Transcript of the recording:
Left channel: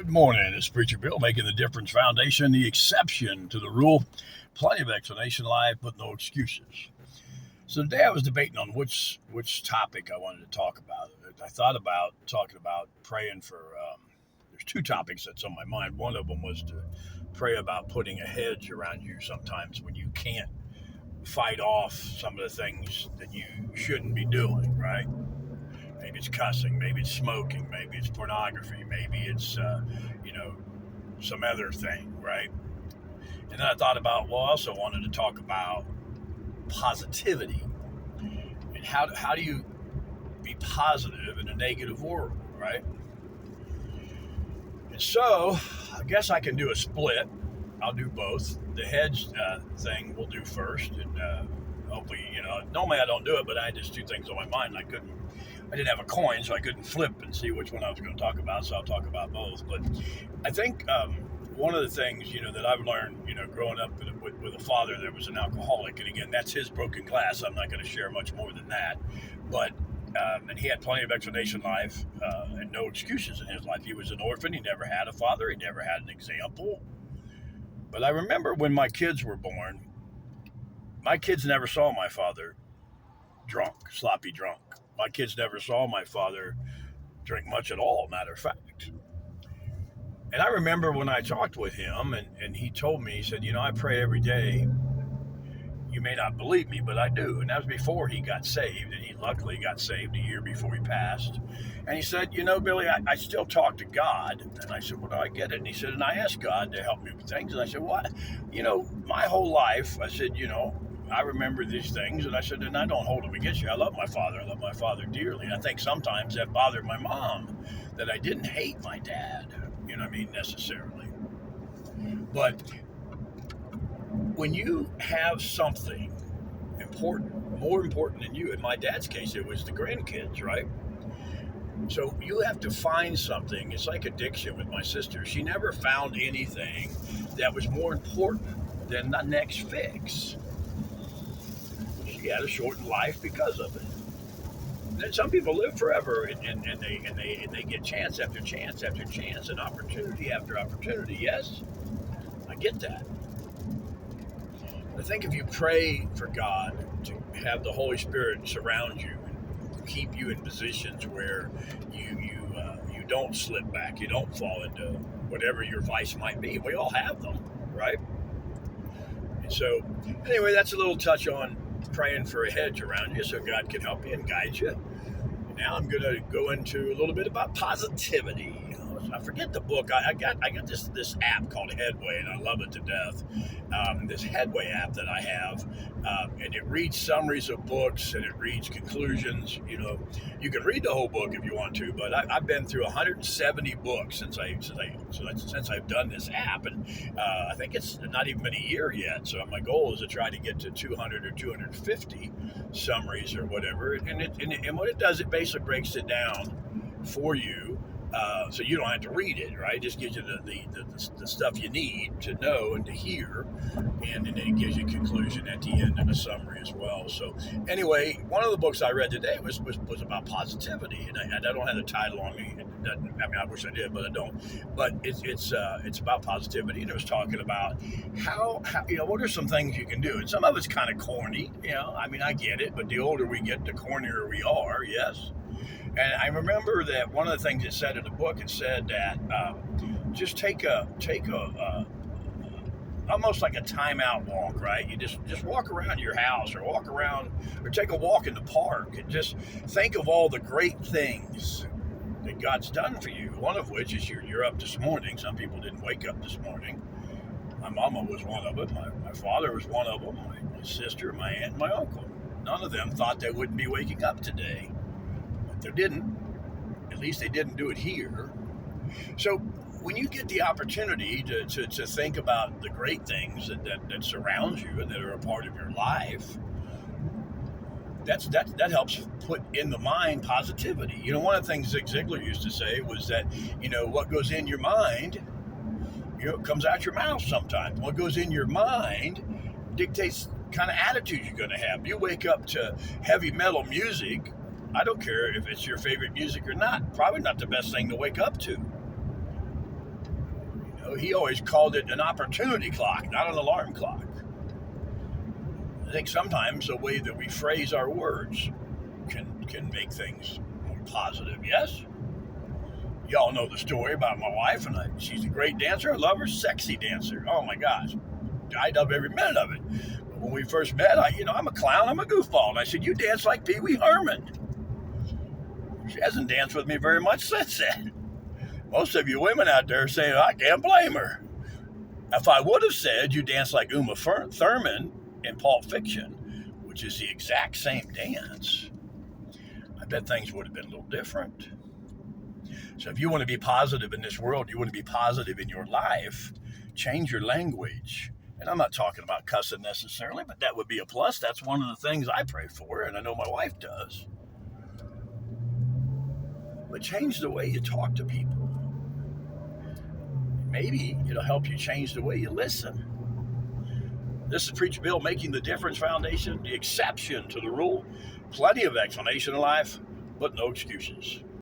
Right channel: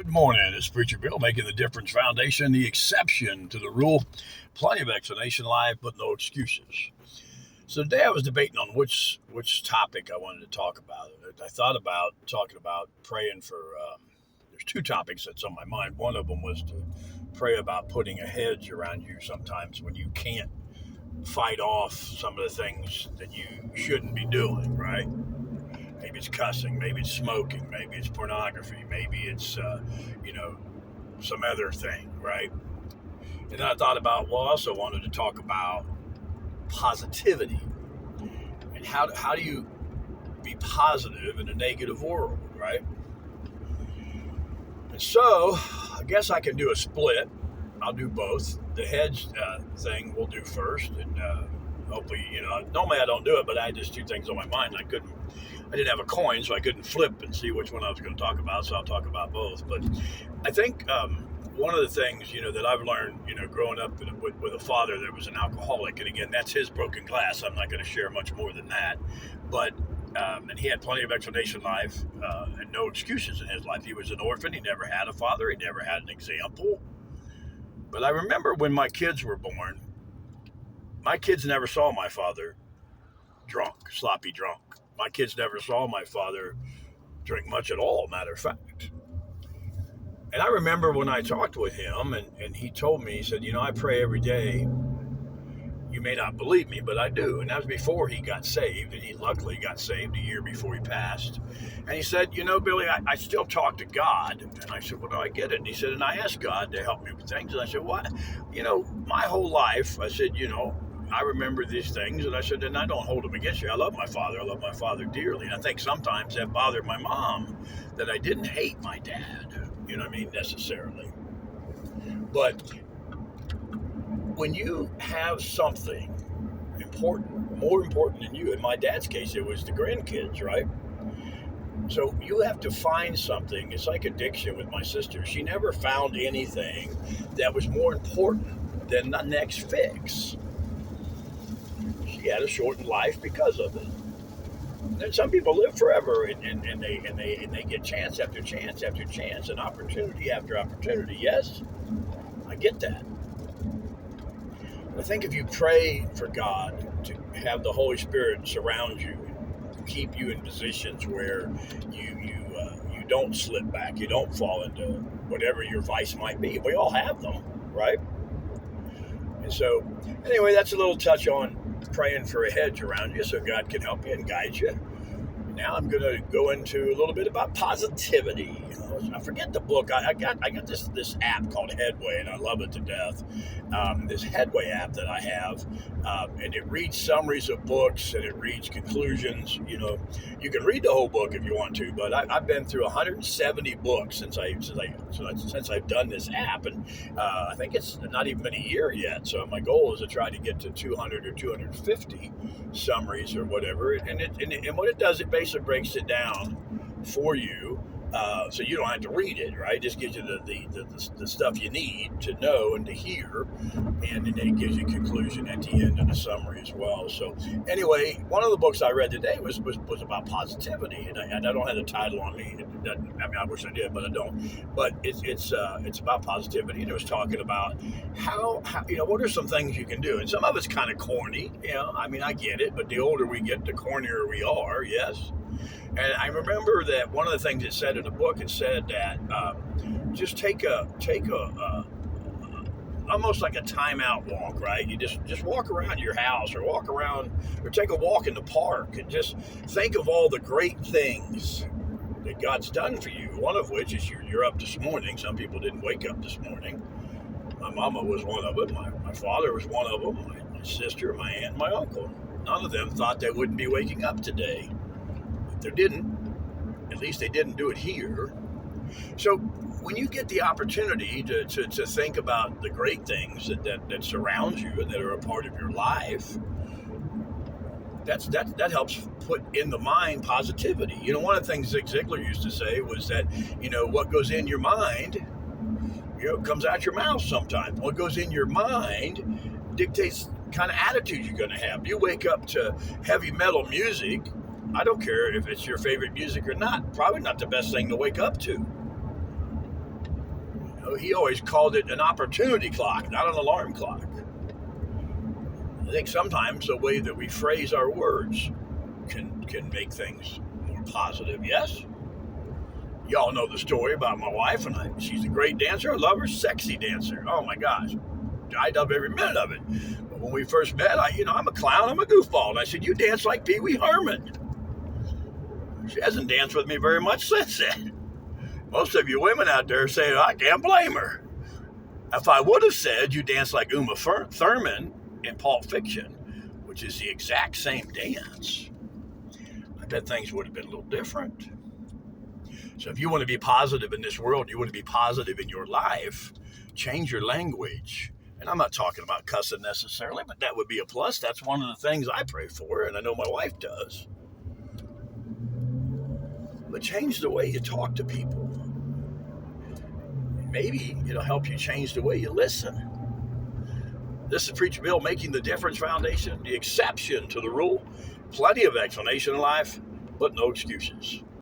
Good morning. It's Preacher Bill making the difference foundation, the exception to the rule. Plenty of explanation live, but no excuses. So today I was debating on which topic I wanted to talk about. I thought about talking about praying for. There's two topics that's on my mind. One of them was to pray about putting a hedge around you sometimes when you can't fight off some of the things that you shouldn't be doing. Right? Maybe it's cussing, maybe it's smoking, maybe it's pornography, maybe it's you know some other thing, right? And then I thought about, well, I also wanted to talk about positivity and how do you be positive in a negative world, right? And so I guess I can do a split. I'll do both. The hedge thing we'll do first, and hopefully, normally I don't do it, but I had just two things on my mind. I didn't have a coin, so I couldn't flip and see which one I was going to talk about. So I'll talk about both. But I think one of the things that I've learned, growing up with a father that was an alcoholic, and again, that's his broken glass. I'm not going to share much more than that, but. And he had plenty of explanation life and no excuses in his life. He was an orphan. He never had a father. He never had an example. But I remember when my kids were born, my kids never saw my father drunk, sloppy drunk. My kids never saw my father drink much at all, matter of fact. And I remember when I talked with him and he told me, he said, I pray every day. You may not believe me, but I do. And that was before he got saved. And he luckily got saved a year before he passed. And he said, Billy, I still talk to God. And I said, well, no, I get it. And he said, and I asked God to help me with things. And I said, what? My whole life, I said, I remember these things. And I said, and I don't hold them against you. I love my father. I love my father dearly. And I think sometimes that bothered my mom that I didn't hate my dad, necessarily. But when you have something important, more important than you, in my dad's case, it was the grandkids, right? So you have to find something. It's like addiction with my sister. She never found anything that was more important than the next fix. She had a shortened life because of it. And some people live forever, and they get chance after chance after chance, and opportunity after opportunity. Yes, I get that. I think if you pray for God to have the Holy Spirit surround you, and keep you in positions where you don't slip back, you don't fall into whatever your vice might be. We all have them, right? And so, anyway, that's a little touch on praying for a hedge around you so God can help you and guide you. And now I'm going to go into a little bit about positivity. I forget the book. I got this app called Headway, and I love it to death. This Headway app that I have, and it reads summaries of books and it reads conclusions. You can read the whole book if you want to, but I've been through 170 books since I've done this app, and I think it's not even been a year yet. So my goal is to try to get to 200 or 250 summaries or whatever. And what it does, it basically breaks it down for you. So you don't have to read it, right? It just gives you the stuff you need to know and to hear, and then it gives you a conclusion at the end and a summary as well. So anyway, one of the books I read today was about positivity, and I don't have the title on me. I wish I did, but I don't. But it's about positivity, and it was talking about how what are some things you can do, and some of it's kind of corny. I get it, but the older we get, the cornier we are. Yes. And I remember that one of the things it said in the book, it said that just take a almost like a timeout walk, right? You just walk around your house or walk around or take a walk in the park and just think of all the great things that God's done for you. One of which is you're up this morning. Some people didn't wake up this morning. My mama was one of them. My father was one of them. My sister, my aunt, my uncle. None of them thought they wouldn't be waking up today. They didn't. At least they didn't do it here. So when you get the opportunity to think about the great things that surround you and that are a part of your life, that helps put in the mind positivity. One of the things Zig Ziglar used to say was that, what goes in your mind, comes out your mouth sometimes. What goes in your mind dictates the kind of attitude you're going to have. You wake up to heavy metal music, I don't care if it's your favorite music or not. Probably not the best thing to wake up to. he always called it an opportunity clock, not an alarm clock. I think sometimes the way that we phrase our words can make things more positive. Yes? Y'all know the story about my wife, and she's a great dancer. I love her, sexy dancer. Oh my gosh. I love every minute of it. But when we first met, I'm a clown, I'm a goofball. And I said, you dance like Pee Wee Herman. She hasn't danced with me very much since then. Most of you women out there saying, I can't blame her. If I would have said you dance like Uma Thurman in Pulp Fiction, which is the exact same dance, I bet things would have been a little different. So if you want to be positive in this world, you want to be positive in your life, change your language. And I'm not talking about cussing necessarily, but that would be a plus. That's one of the things I pray for, and I know my wife does. But change the way you talk to people. Maybe it'll help you change the way you listen. This is Preacher Bill, Making the Difference Foundation, the exception to the rule. Plenty of explanation in life, but no excuses.